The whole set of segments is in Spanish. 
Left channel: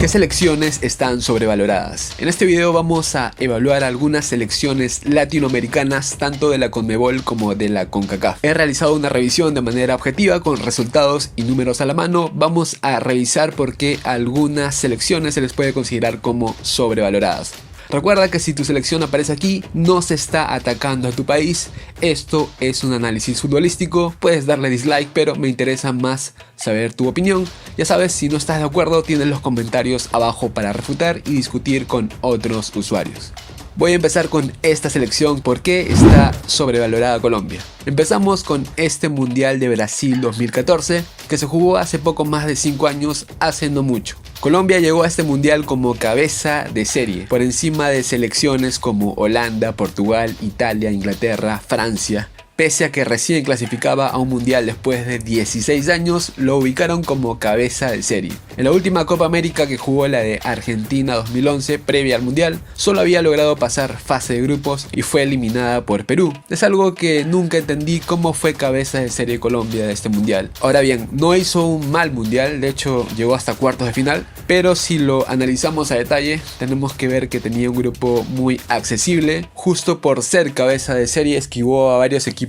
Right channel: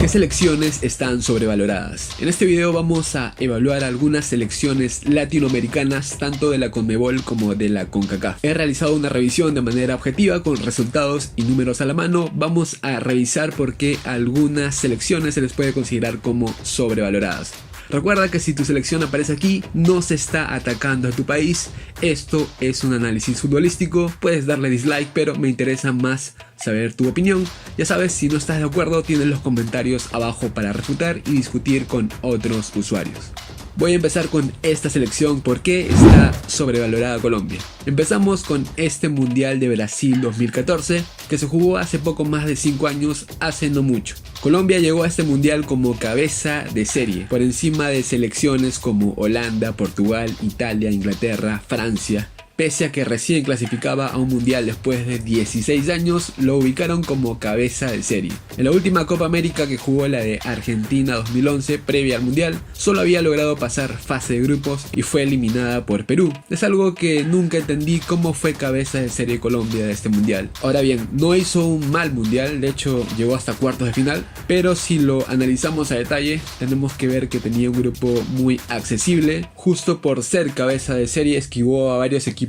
¿Qué selecciones están sobrevaloradas? En este video vamos a evaluar algunas selecciones latinoamericanas tanto de la CONMEBOL como de la CONCACAF. He realizado una revisión de manera objetiva con resultados y números a la mano. Vamos a revisar por qué algunas selecciones se les puede considerar como sobrevaloradas. Recuerda que si tu selección aparece aquí, no se está atacando a tu país. Esto es un análisis futbolístico. Puedes darle dislike, pero me interesa más saber tu opinión. Ya sabes, si no estás de acuerdo, tienes los comentarios abajo para refutar y discutir con otros usuarios. Voy a empezar con esta selección porque está sobrevalorada Colombia. Empezamos con este Mundial de Brasil 2014 que se jugó hace poco más de 5 años, hace no mucho. Colombia llegó a este mundial como cabeza de serie, por encima de selecciones como Holanda, Portugal, Italia, Inglaterra, Francia. Pese a que recién clasificaba a un mundial después de 16 años, lo ubicaron como cabeza de serie. En la última Copa América que jugó, la de Argentina 2011, previa al mundial, solo había logrado pasar fase de grupos y fue eliminada por Perú. Es algo que nunca entendí, cómo fue cabeza de serie Colombia de este mundial. Ahora bien, no hizo un mal mundial, de hecho llegó hasta cuartos de final, pero si lo analizamos a detalle, tenemos que ver que tenía un grupo muy accesible. Justo por ser cabeza de serie esquivó a varios equipos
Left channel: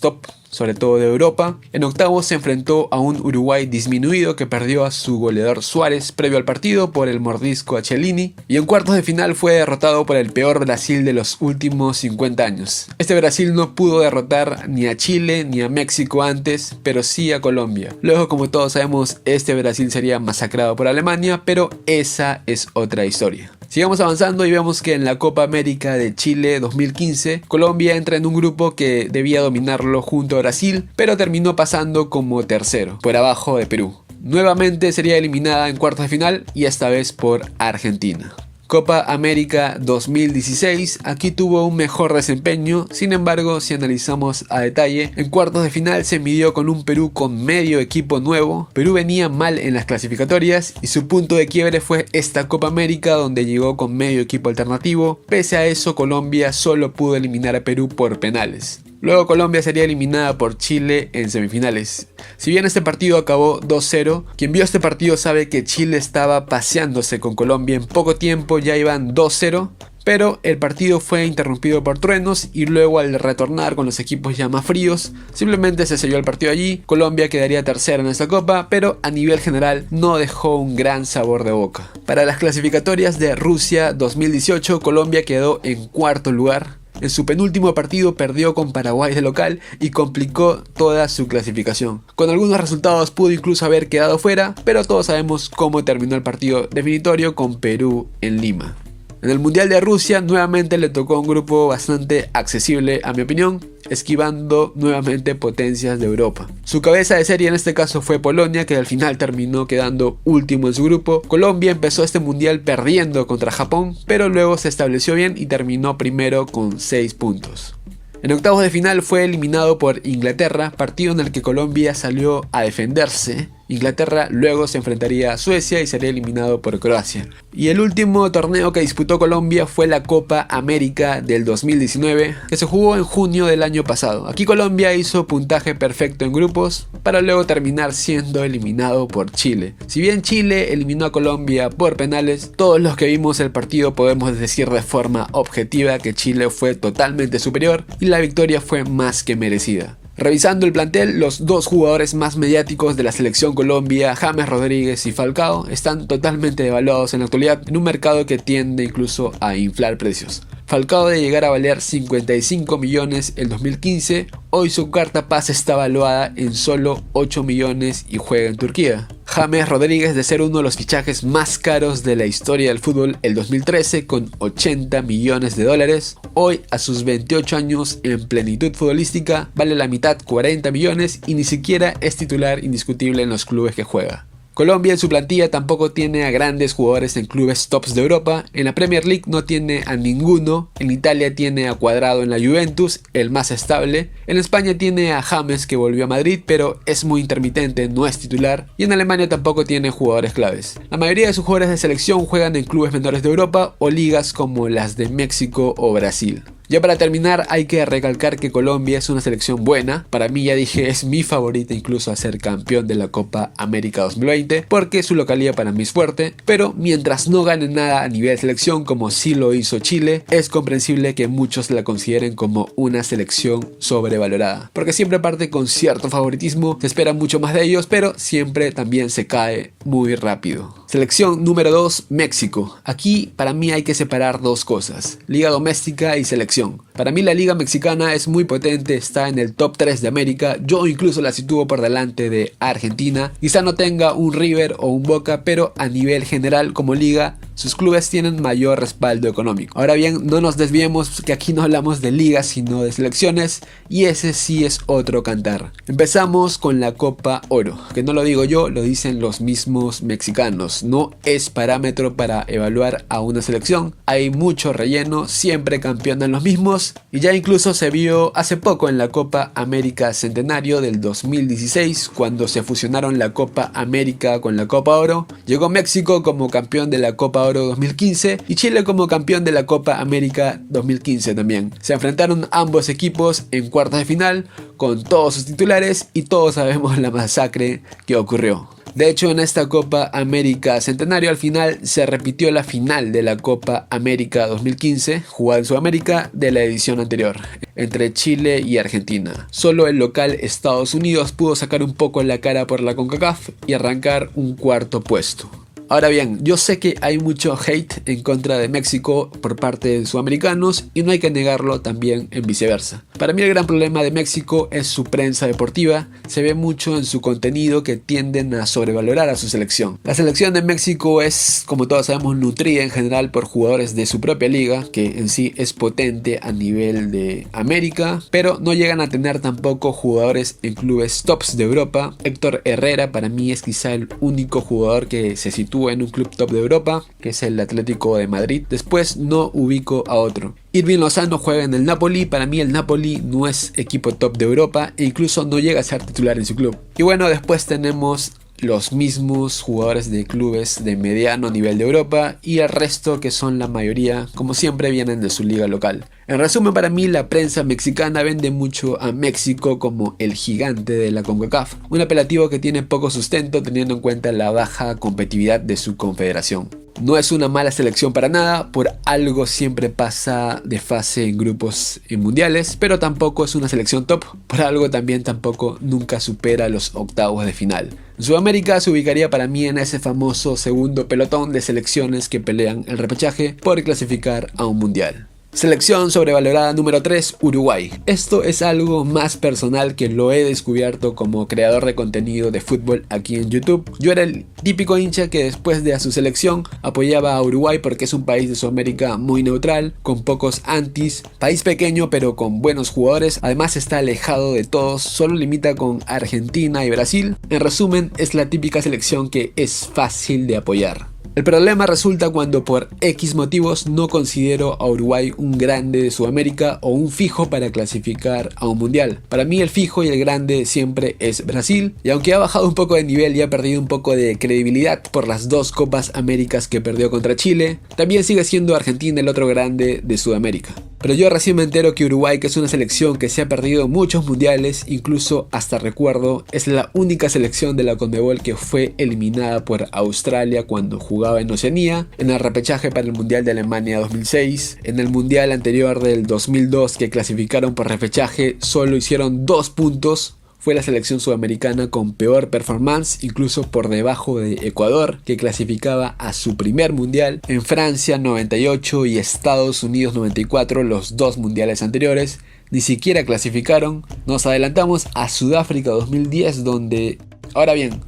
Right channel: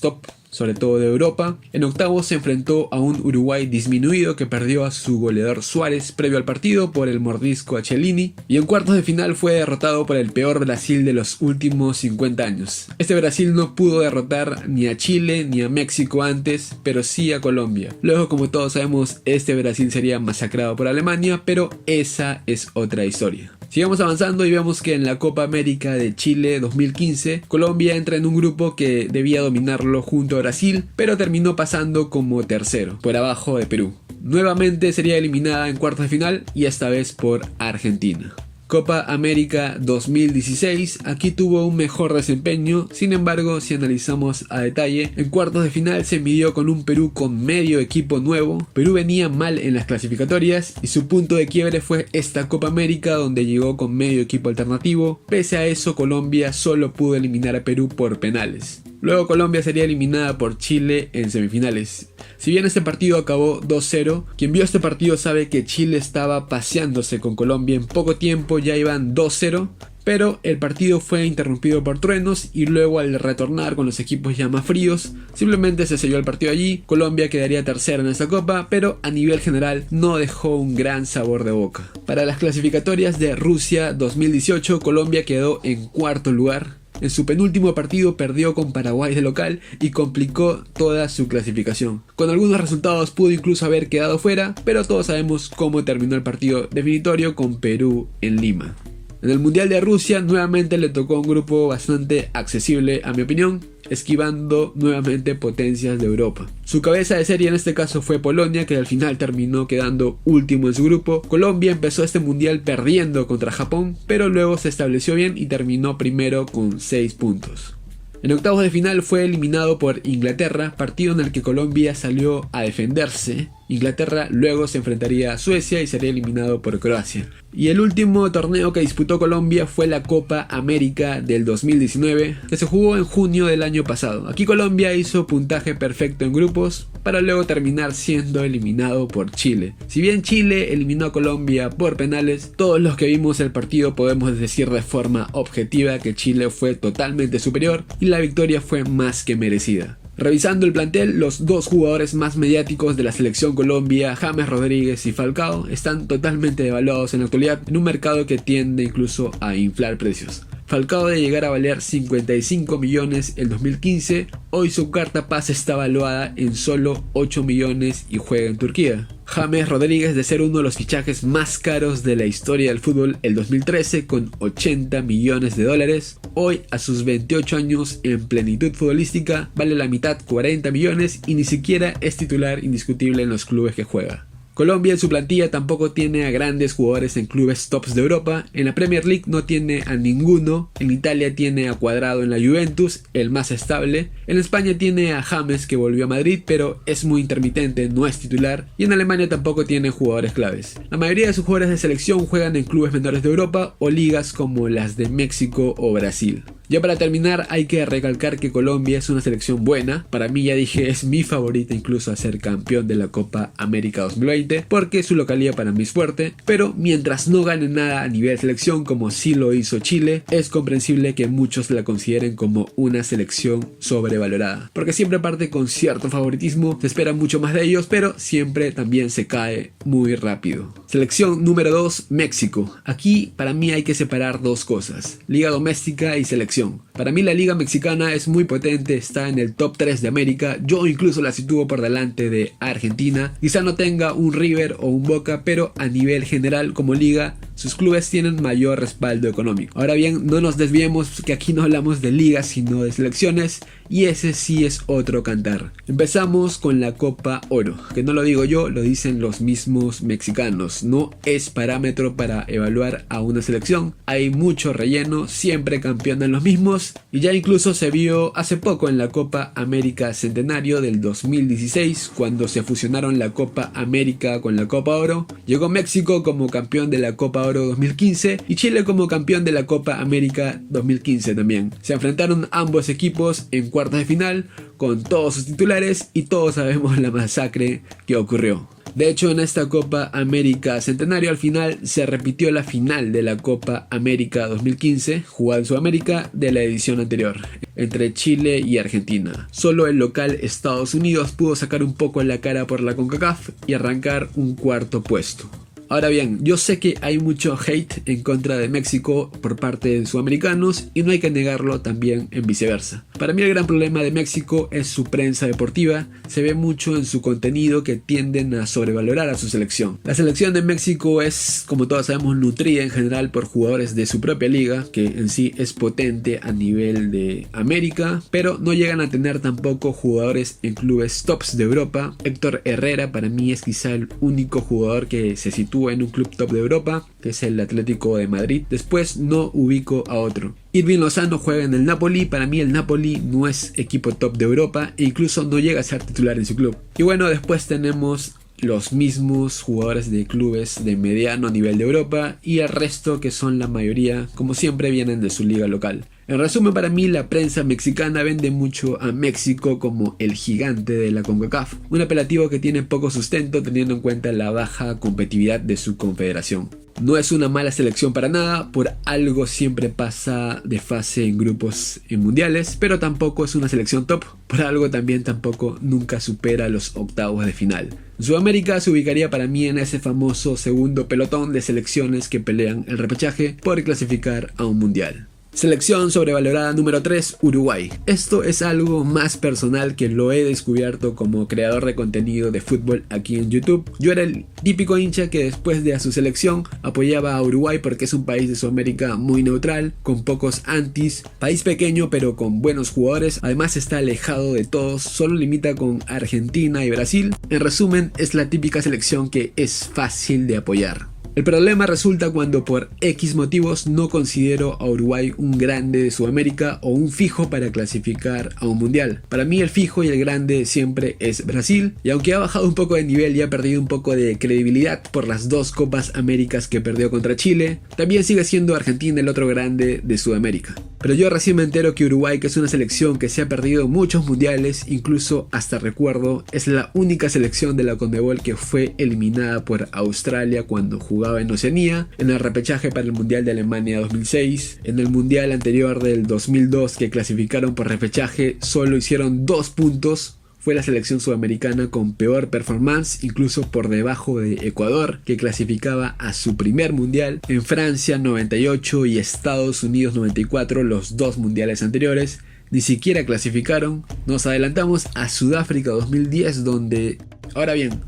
top, sobre todo de Europa. En octavos se enfrentó a un Uruguay disminuido que perdió a su goleador Suárez previo al partido por el mordisco a Chiellini, y en cuartos de final fue derrotado por el peor Brasil de los últimos 50 años. Este Brasil no pudo derrotar ni a Chile ni a México antes, pero sí a Colombia. Luego, como todos sabemos, este Brasil sería masacrado por Alemania, pero esa es otra historia. Sigamos avanzando y vemos que en la Copa América de Chile 2015, Colombia entra en un grupo que debía dominarlo junto a Brasil, pero terminó pasando como tercero, por abajo de Perú. Nuevamente sería eliminada en cuartos de final y esta vez por Argentina. Copa América 2016, aquí tuvo un mejor desempeño. Sin embargo, si analizamos a detalle, en cuartos de final se midió con un Perú con medio equipo nuevo. Perú venía mal en las clasificatorias y su punto de quiebre fue esta Copa América, donde llegó con medio equipo alternativo. Pese a eso, Colombia solo pudo eliminar a Perú por penales. Luego Colombia sería eliminada por Chile en semifinales. Si bien este partido acabó 2-0, quien vio este partido sabe que Chile estaba paseándose con Colombia. En poco tiempo ya iban 2-0, pero el partido fue interrumpido por truenos y luego, al retornar con los equipos ya más fríos, simplemente se selló el partido allí. Colombia quedaría tercera en esta copa, pero a nivel general no dejó un gran sabor de boca. Para las clasificatorias de Rusia 2018, Colombia quedó en cuarto lugar. En su penúltimo partido perdió con Paraguay de local y complicó toda su clasificación. Con algunos resultados pudo incluso haber quedado fuera, pero todos sabemos cómo terminó el partido definitorio con Perú en Lima. En el Mundial de Rusia nuevamente le tocó un grupo bastante accesible, a mi opinión, esquivando nuevamente potencias de Europa. Su cabeza de serie en este caso fue Polonia, que al final terminó quedando último en su grupo. Colombia empezó este mundial perdiendo contra Japón, pero luego se estableció bien y terminó primero con 6 puntos. En octavos de final fue eliminado por Inglaterra, partido en el que Colombia salió a defenderse. Inglaterra luego se enfrentaría a Suecia y sería eliminado por Croacia. Y el último torneo que disputó Colombia fue la Copa América del 2019, que se jugó en junio del año pasado. Aquí Colombia hizo puntaje perfecto en grupos, para luego terminar siendo eliminado por Chile. Si bien Chile eliminó a Colombia por penales, todos los que vimos el partido podemos decir de forma objetiva que Chile fue totalmente superior y la victoria fue más que merecida. Revisando el plantel, los dos jugadores más mediáticos de la selección Colombia, James Rodríguez y Falcao, están totalmente devaluados en la actualidad en un mercado que tiende incluso a inflar precios. Falcao, de llegar a valer 55 millones en 2015, hoy su carta pase está valuada en solo 8 millones y juega en Turquía. James Rodríguez, de ser uno de los fichajes más caros de la historia del fútbol el 2013 con 80 millones de dólares, hoy a sus 28 años en plenitud futbolística vale la mitad, 40 millones, y ni siquiera es titular indiscutible en los clubes que juega. Colombia en su plantilla tampoco tiene a grandes jugadores en clubes tops de Europa. En la Premier League no tiene a ninguno. En Italia tiene a Cuadrado en la Juventus, el más estable. En España tiene a James, que volvió a Madrid, pero es muy intermitente, no es titular. Y en Alemania tampoco tiene jugadores claves. La mayoría de sus jugadores de selección juegan en clubes menores de Europa o ligas como las de México o Brasil. Ya para terminar, hay que recalcar que Colombia es una selección buena. Para mí, ya dije, es mi favorita incluso a ser campeón de la Copa América 2020, porque su localidad para mí es fuerte. Pero mientras no gane nada a nivel selección, como sí lo hizo Chile, es comprensible que muchos la consideren como una selección sobrevalorada, porque siempre parte con cierto favoritismo, se espera mucho más de ellos, pero siempre también se cae muy rápido. Selección número 2, México. Aquí para mí hay que separar dos cosas: liga doméstica y selección. Para mí la liga mexicana es muy potente, está en el top 3 de América. Yo incluso la sitúo por delante de Argentina. Quizá no tenga un River o un Boca, pero a nivel general como liga sus clubes tienen mayor respaldo económico. Ahora bien, no nos desviemos, que aquí no hablamos de ligas sino de selecciones, y ese sí es otro cantar. Empezamos con la Copa Oro, que no lo digo yo, lo dicen los mismos mexicanos. No es parámetro para evaluar a una selección, hay mucho relleno, siempre campeonan los mismos, y ya incluso se vio hace poco en la Copa América Centenario del 2016, cuando se fusionaron la Copa América con la Copa Oro. Llegó México como campeón de la Copa Oro 2015 y Chile como campeón de la Copa América 2015 también. Se enfrentaron ambos equipos en cuartos de final con todos sus titulares y todos sabemos la masacre que ocurrió. De hecho, en esta Copa América Centenario al final se repitió la final de la Copa América 2015, jugada en Sudamérica, de la edición anterior, entre Chile y Argentina. Solo el local Estados Unidos pudo sacar un poco la cara por la CONCACAF y arrancar un cuarto puesto. Ahora bien, yo sé que hay mucho hate en contra de México por parte de sudamericanos y no hay que negarlo también en viceversa. Para mí el gran problema de México es su prensa deportiva, se ve mucho en su contenido que tienden a sobrevalorar a su selección. La selección de México es, como todos sabemos, nutrida en general por jugadores de su propia liga, que en sí es potente a nivel de América, pero no llegan a tener tampoco jugadores en clubes tops de Europa. Héctor Herrera para mí es quizá el único jugador que se sitúa en un club top de Europa, que es el Atlético de Madrid. Después no ubico a otro. Irving Lozano juega en el Napoli. Para mí el Napoli no es equipo top de Europa e incluso no llega a ser titular en su club. Y bueno, después tenemos los mismos jugadores de clubes de mediano nivel de Europa y el resto, que son la mayoría, como siempre, vienen de su liga local. En resumen, para mí la prensa mexicana vende mucho a México como el gigante de la CONCACAF, un apelativo que tiene poco sustento teniendo en cuenta la baja competitividad de su confederación. No es una mala selección para nada, por algo siempre pasa de fase en grupos en mundiales, pero tampoco es una selección top, por algo también tampoco nunca supera los octavos de final. Sudamérica se ubicaría para mí en ese famoso segundo pelotón de selecciones que pelean el repechaje por clasificar a un mundial. Selección sobrevalorada número 3, Uruguay. Esto es algo más personal que lo he descubierto como creador de contenido de fútbol aquí en YouTube. Yo era el típico hincha que después de su selección apoyaba a Uruguay porque es un país de Sudamérica muy neutral, con pocos antis, país pequeño pero con buenos jugadores, además está alejado de todos, solo limita con Argentina y Brasil. En resumen, es la típica selección que es fácil de apoyar. El problema resulta cuando por X motivos no considero a Uruguay un grande de Sudamérica o un fijo para clasificar a un mundial. Para mí el fijo y el grande siempre es Brasil, y aunque ha bajado un poco de nivel y ha perdido un poco de credibilidad por las dos Copas Américas que perdió contra Chile, también sigue siendo Argentina el otro grande de Sudamérica. Pero yo recién me entero que Uruguay, que es una selección que se ha perdido muchos mundiales, incluso hasta recuerdo, es la única selección de la CONMEBOL que fue eliminada por Australia cuando jugaba en Oceanía, en el repechaje para el Mundial de Alemania 2006, en el Mundial anterior del 2002 que clasificaron por repechaje, solo hicieron 2 puntos. Fue la selección sudamericana con peor performance, incluso por debajo de Ecuador, que clasificaba a su primer mundial. En Francia 98 y Estados Unidos 94, los dos mundiales anteriores, ni siquiera clasificaron. Nos adelantamos a Sudáfrica 2010, donde, ahora bien,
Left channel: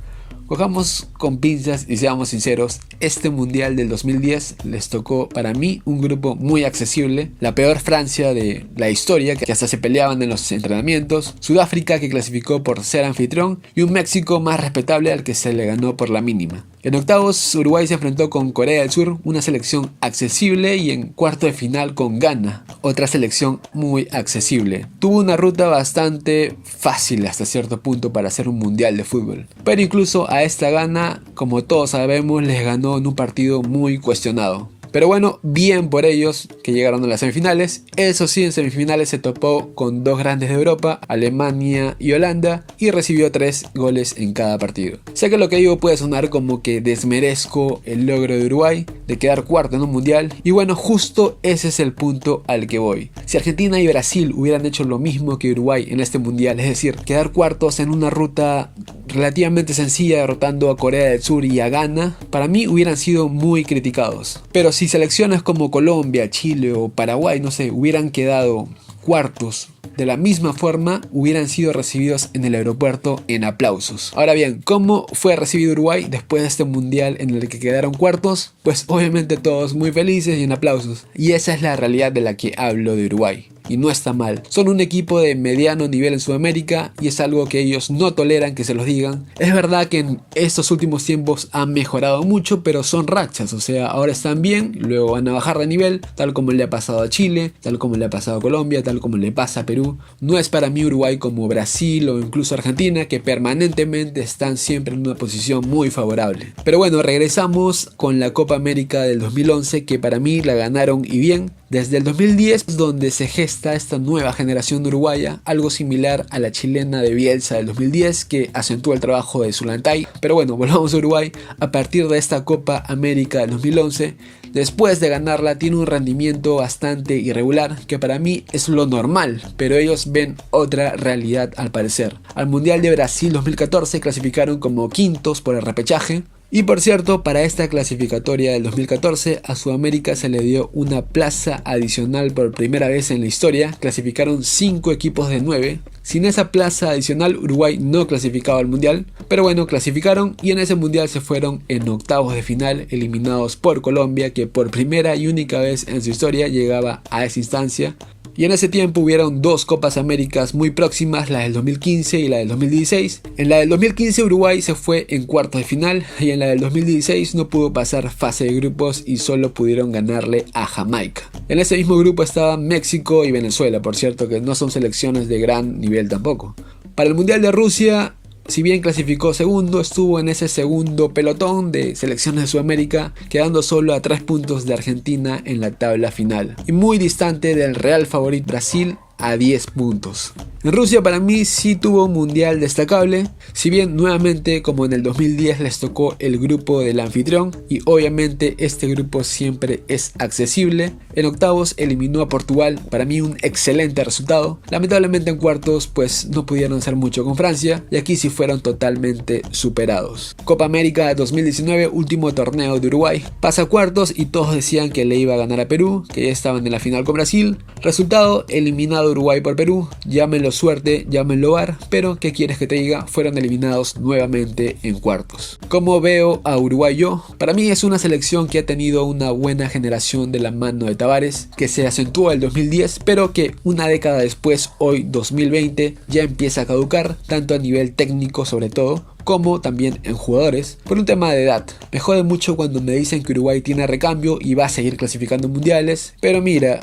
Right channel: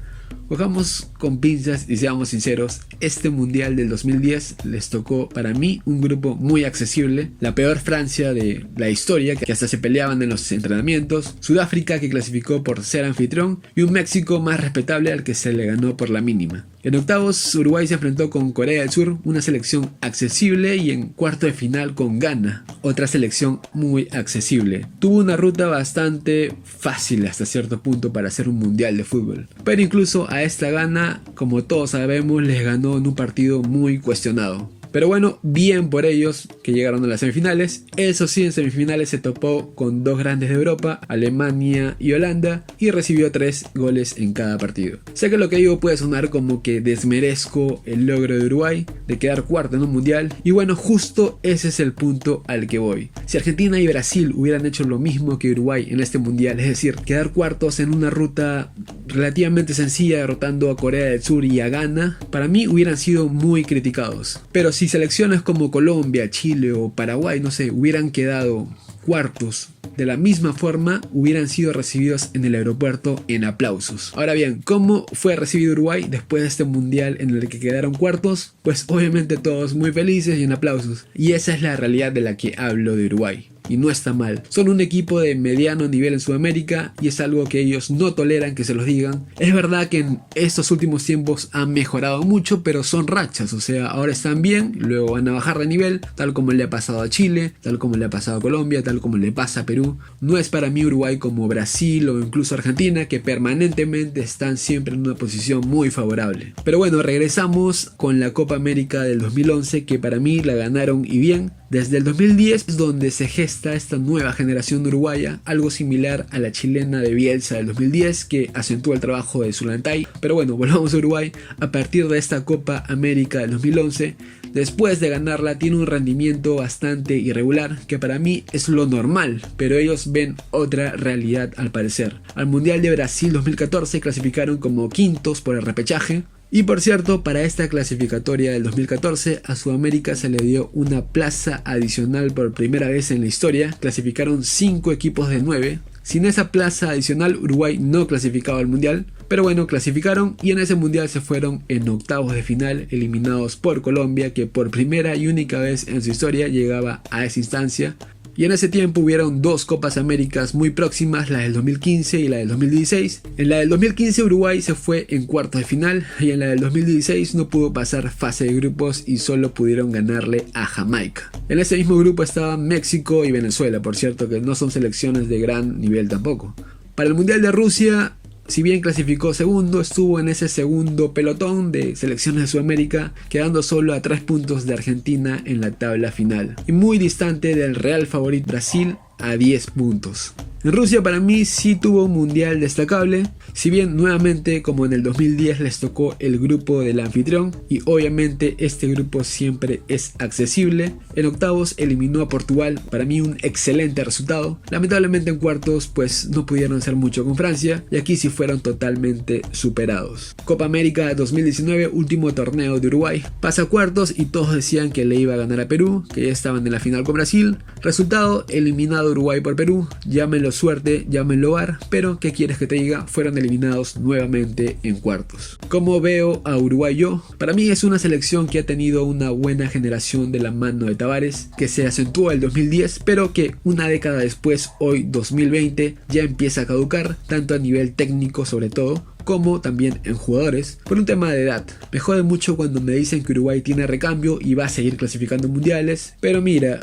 cojamos con pinzas y seamos sinceros, este mundial del 2010 les tocó para mí un grupo muy accesible, la peor Francia de la historia, que hasta se peleaban en los entrenamientos, Sudáfrica, que clasificó por ser anfitrión, y un México más respetable al que se le ganó por la mínima. En octavos, Uruguay se enfrentó con Corea del Sur, una selección accesible, y en cuarto de final con Ghana, otra selección muy accesible. Tuvo una ruta bastante fácil hasta cierto punto para hacer un mundial de fútbol, pero incluso a esta Ghana, como todos sabemos, les ganó en un partido muy cuestionado. Pero bueno, bien por ellos que llegaron a las semifinales. Eso sí, en semifinales se topó con dos grandes de Europa, Alemania y Holanda, y recibió 3 goles en cada partido. Sé que lo que digo puede sonar como que desmerezco el logro de Uruguay de quedar cuarto en un mundial, y bueno, justo ese es el punto al que voy. Si Argentina y Brasil hubieran hecho lo mismo que Uruguay en este mundial, es decir, quedar cuartos en una ruta relativamente sencilla derrotando a Corea del Sur y a Ghana, para mí hubieran sido muy criticados. Pero si selecciones como Colombia, Chile o Paraguay, no sé, hubieran quedado cuartos de la misma forma, hubieran sido recibidos en el aeropuerto en aplausos. Ahora bien, ¿cómo fue recibido Uruguay después de este mundial en el que quedaron cuartos? Pues obviamente todos muy felices y en aplausos. Y esa es la realidad de la que hablo de Uruguay. Y no está mal. Son un equipo de mediano nivel en Sudamérica y es algo que ellos no toleran que se los digan. Es verdad que en estos últimos tiempos han mejorado mucho, pero son rachas. O sea, ahora están bien, luego van a bajar de nivel, tal como le ha pasado a Chile, tal como le ha pasado a Colombia, tal como le pasa a Perú. No es para mí Uruguay como Brasil o incluso Argentina, que permanentemente están siempre en una posición muy favorable. Pero bueno, regresamos con la Copa América del 2011, que para mí la ganaron y bien. Desde el 2010 es donde se gesta esta nueva generación de uruguaya, algo similar a la chilena de Bielsa del 2010 que acentuó el trabajo de Zulantay. Pero bueno, volvamos a Uruguay. A partir de esta Copa América del 2011, después de ganarla, tiene un rendimiento bastante irregular, que para mí es lo normal, pero ellos ven otra realidad al parecer. Al Mundial de Brasil 2014 clasificaron como quintos por el repechaje. Y por cierto, para esta clasificatoria del 2014 a Sudamérica se le dio una plaza adicional por primera vez en la historia. Clasificaron 5 equipos de 9. Sin esa plaza adicional Uruguay no clasificaba al mundial, pero bueno, clasificaron y en ese mundial se fueron en octavos de final, eliminados por Colombia, que por primera y única vez en su historia llegaba a esa instancia. Y en ese tiempo hubieron 2 Copas Américas muy próximas, la del 2015 y la del 2016. En la del 2015 Uruguay se fue en cuartos de final y en la del 2016 no pudo pasar fase de grupos y solo pudieron ganarle a Jamaica. En ese mismo grupo estaban México y Venezuela, por cierto, que no son selecciones de gran nivel tampoco. Para el Mundial de Rusia, si bien clasificó segundo, estuvo en ese segundo pelotón de selecciones de Sudamérica, quedando solo a 3 puntos de Argentina en la tabla final y muy distante del real favorito Brasil a 10 puntos. En Rusia para mí sí tuvo un mundial destacable, si bien nuevamente como en el 2010 les tocó el grupo del anfitrión y obviamente este grupo siempre es accesible. En octavos eliminó a Portugal, para mí un excelente resultado. Lamentablemente en cuartos pues no pudieron hacer mucho con Francia y aquí sí fueron totalmente superados. Copa América 2019, último torneo de Uruguay, pasa a cuartos y todos decían que le iba a ganar a Perú, que ya estaban en la final con Brasil. Resultado, eliminado Uruguay por Perú, llámenlo suerte, llámenlo VAR, pero ¿qué quieres que te diga? Fueron eliminados nuevamente en cuartos. ¿Cómo veo a Uruguay yo? Para mí es una selección que ha tenido una buena generación de la mano de Tavares, que se acentuó el 2010, pero que una década después, hoy 2020, ya empieza a caducar, tanto a nivel técnico sobre todo, como también en jugadores, por un tema de edad. Me jode mucho cuando me dicen que Uruguay tiene recambio y va a seguir clasificando en mundiales, pero mira,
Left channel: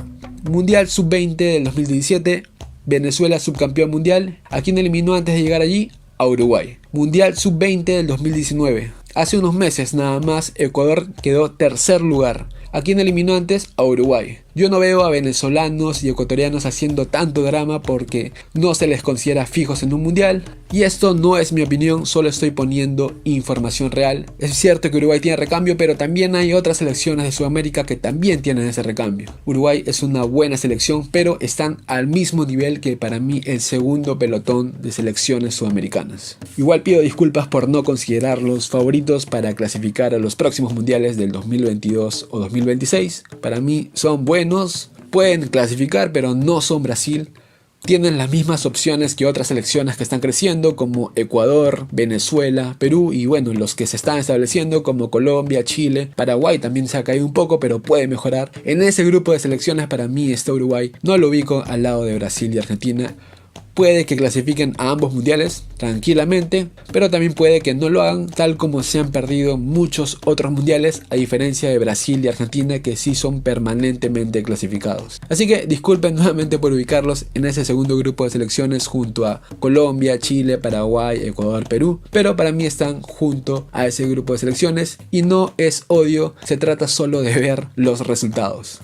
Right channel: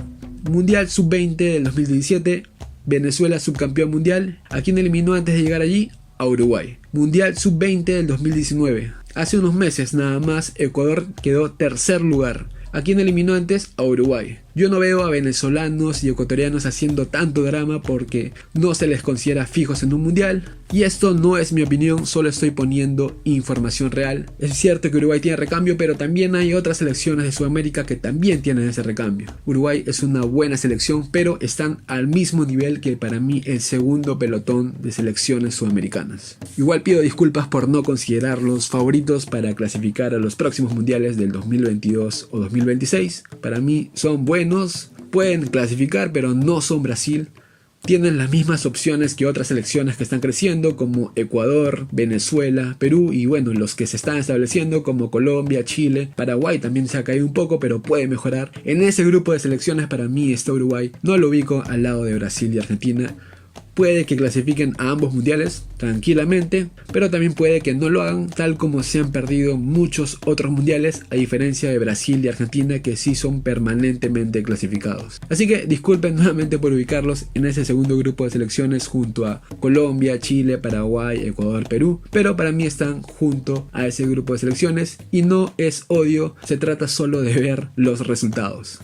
Mundial Sub-20 del 2017, Venezuela subcampeón mundial. ¿A quién eliminó antes de llegar allí? A Uruguay. Mundial Sub-20 del 2019. Hace unos meses nada más Ecuador quedó tercer lugar. ¿A quién eliminó antes? A Uruguay. Yo no veo a venezolanos y ecuatorianos haciendo tanto drama porque no se les considera fijos en un mundial. Y esto no es mi opinión, solo estoy poniendo información real. Es cierto que Uruguay tiene recambio, pero también hay otras selecciones de Sudamérica que también tienen ese recambio. Uruguay es una buena selección, pero están al mismo nivel que para mí el segundo pelotón de selecciones sudamericanas. Igual pido disculpas por no considerarlos favoritos para clasificar a los próximos mundiales del 2022 o 2026. Para mí son buenos. Pueden clasificar, pero no son Brasil. Tienen las mismas opciones que otras selecciones que están creciendo, como Ecuador, Venezuela, Perú y bueno, los que se están estableciendo como Colombia, Chile. Paraguay también se ha caído un poco, pero puede mejorar. En ese grupo de selecciones para mí está Uruguay. No lo ubico al lado de Brasil y Argentina, puede que clasifiquen a ambos mundiales tranquilamente, pero también puede que no lo hagan, tal como se han perdido muchos otros mundiales, a diferencia de Brasil y Argentina, que sí son permanentemente clasificados. Así que disculpen nuevamente por ubicarlos en ese segundo grupo de selecciones junto a Colombia, Chile, Paraguay, Ecuador, Perú, pero para mí están junto a ese grupo de selecciones y no es odio, se trata solo de ver los resultados.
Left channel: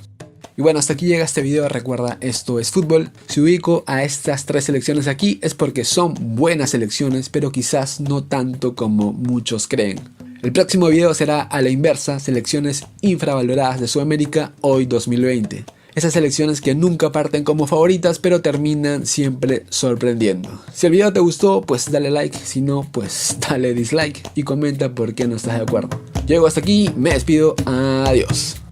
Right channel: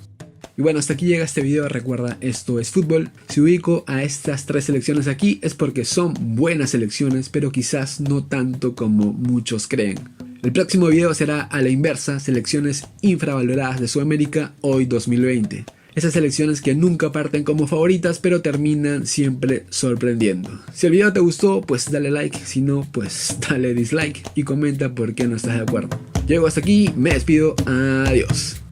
Y bueno, hasta aquí llega este video. Recuerda, esto es fútbol. Si ubico a estas 3 selecciones aquí es porque son buenas selecciones, pero quizás no tanto como muchos creen. El próximo video será a la inversa, selecciones infravaloradas de Sudamérica hoy 2020. Esas selecciones que nunca parten como favoritas, pero terminan siempre sorprendiendo. Si el video te gustó, pues dale like. Si no, pues dale dislike y comenta por qué no estás de acuerdo. Llego hasta aquí, me despido. Adiós.